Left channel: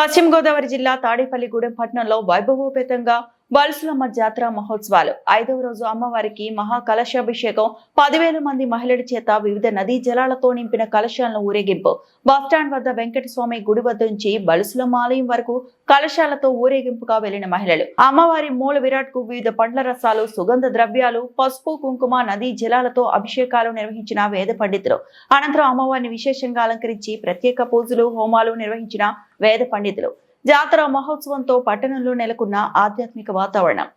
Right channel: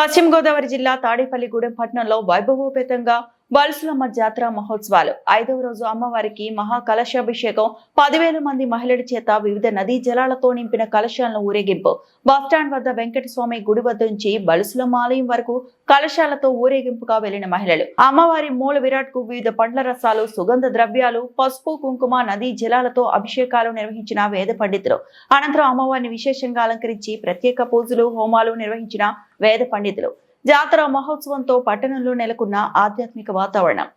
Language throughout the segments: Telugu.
పశ్చిమ గోదావరి జిల్లా తాడేపల్లిగూడెం పట్టణంలో వైభవోపేతంగా బల్సులమ్మ జాతర మహోత్సవాలు 5వ రోజు అమ్మవారికి మహా కలశాభిషేకం 10,000 మంది మహిళల చేత వివిధ నదీ జలాలతో నింపిన కలశాలను ఊరేగింపు బస్టాండ్ వద్ద వెంకటస్వామి గుడి వద్ద నుంచి బల్సులమ్మ ఆలయం వరకు కలశాలతో ఊరేగింపుగా వెళ్లిన మహిళలు అమ్మవారి మూల విరాట్ కు వివిధ పండ్ల రసాలు సుగంధ ద్రవ్యాలు పసుపు కుంకుమ నదీ జలాలతో అభిషేకాలు నిర్వహించిన వేద పండితులు అనంతరం అమ్మవారిని విశేషంగా అలంకరించి ప్రత్యేక పూజలు హోమాలు నిర్వహించిన వేద పండితులు జాతర మహోత్సవంతో పట్టణంలో నెలకొన్న ఆధ్యాత్మిక వాతావరణం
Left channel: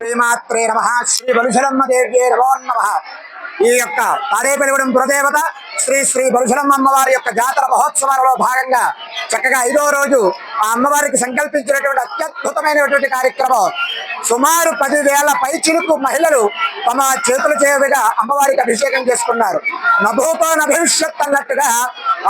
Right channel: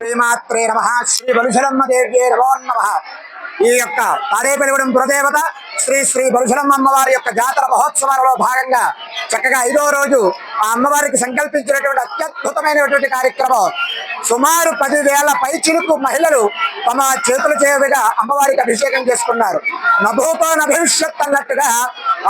శ్రీమాత్రే నమః శ్రీ బలుశలమ్మ దేవ్యే నమో నమః। ఈ యొక్క తాడేపల్లిగూడెం పురదేవత శ్రీ శ్రీ బలుశలమ్మ అమ్మవారి యొక్క జాతర మహోత్సవాలలో భాగంగా చక్కగా 5వ రోజు ఆ అమ్మవారికి సంకల్పించినటువంటి అత్యద్భుతమైనటువంటి కార్యక్రమం సుమారు 10,000 పైచిలుకు మహిళలు తమ చేతుల చేతుగా అమ్మవారికి అభిషేకం చేసుకున్నారు। నభూతో నభవిష్యత్ అన్నట్టుగా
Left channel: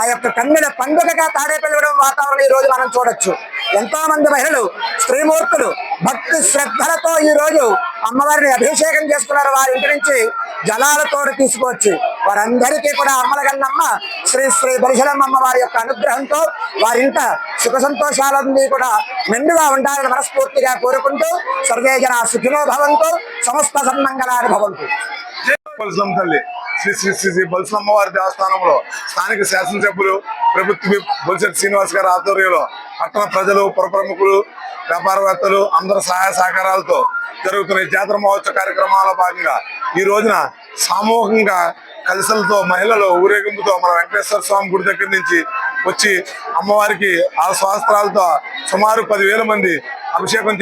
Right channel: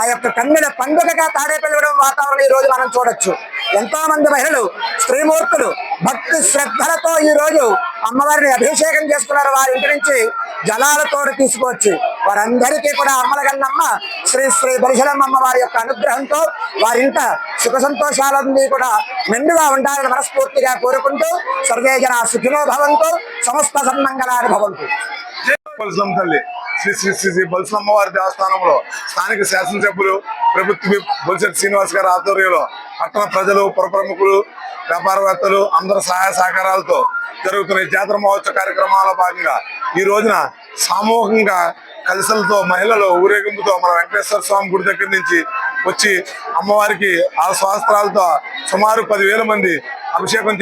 ఆ యొక్క కన్నుల పండుగగా తాడేపల్లిగూడెం వాతావరణం ఈ రోజు మనం చూడొచ్చు। ఎంతో మంది మహిళలు స్త్రీమూర్తులు భక్తి శ్రద్ధలతో ఈ రోజు అమ్మవారిని అభిషేకం చేసుకున్నారు. వారి ఇంటి నుంచి జలాలతో తీసుకొచ్చి వారందరికీ కూడా అమ్మలగన్నమ్మ శ్రీ శ్రీ బలిశలమ్మ అమ్మవారి యొక్క అనుగ్రహంతో వారింట సుఖ సంతోషాలన్నీ కూడా మెండుగా ఉండాలని మనస్ఫూర్తిగా కోరుకుంటూ సర్వే జన సుఖినో భవంతు, సమస్త సన్మంగళాని భవంతు. బలిశలమ్మ తల్లి శ్రీ శ్రీ శ్రీ శ్రీ బలిశలమ్మ వారి దేవస్థానంలో స్థానిక శాసనసభ్యులు ప్రభుత్వ బొలిశెట్టి శ్రీనివాస్ గారి ఆధ్వర్యంలో పట్టణ ప్రజలు, పుర ప్రముఖులు, వ్యాపారవేత్తలు అందరూ సహాయ సహకారాలతో జరుగుతున్న ఈ జాతర మహోత్సవ కార్యక్రమాల భాగంగా ఈ రోజున సామూహికంగా కలశలతో మహిళలు ఊరేగింపుతో మన వెంకటేశ్వర స్వామి గుడి దగ్గర నుంచి వచ్చి అమ్మవారికి ఆ శాస్త్రాలతో సుమారు 10,000 మంది అభిషేకం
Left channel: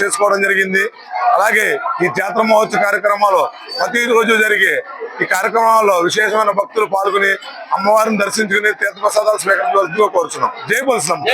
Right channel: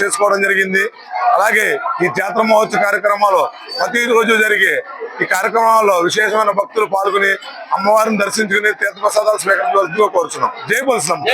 చేసుకోవడం జరిగింది. అలాగే ఈ జాతర మహోత్సవ కార్యక్రమాలు ప్రతిరోజు జరిగే ఈ కార్యక్రమాల్లో విశేషమైన భక్తులు పాల్గొని అమ్మవారిని దర్శించుకుని తీర్థప్రసాదాలు స్వీకరించవలసిందిగా కోరుచున్నాం. జై బలిశలమ్మ.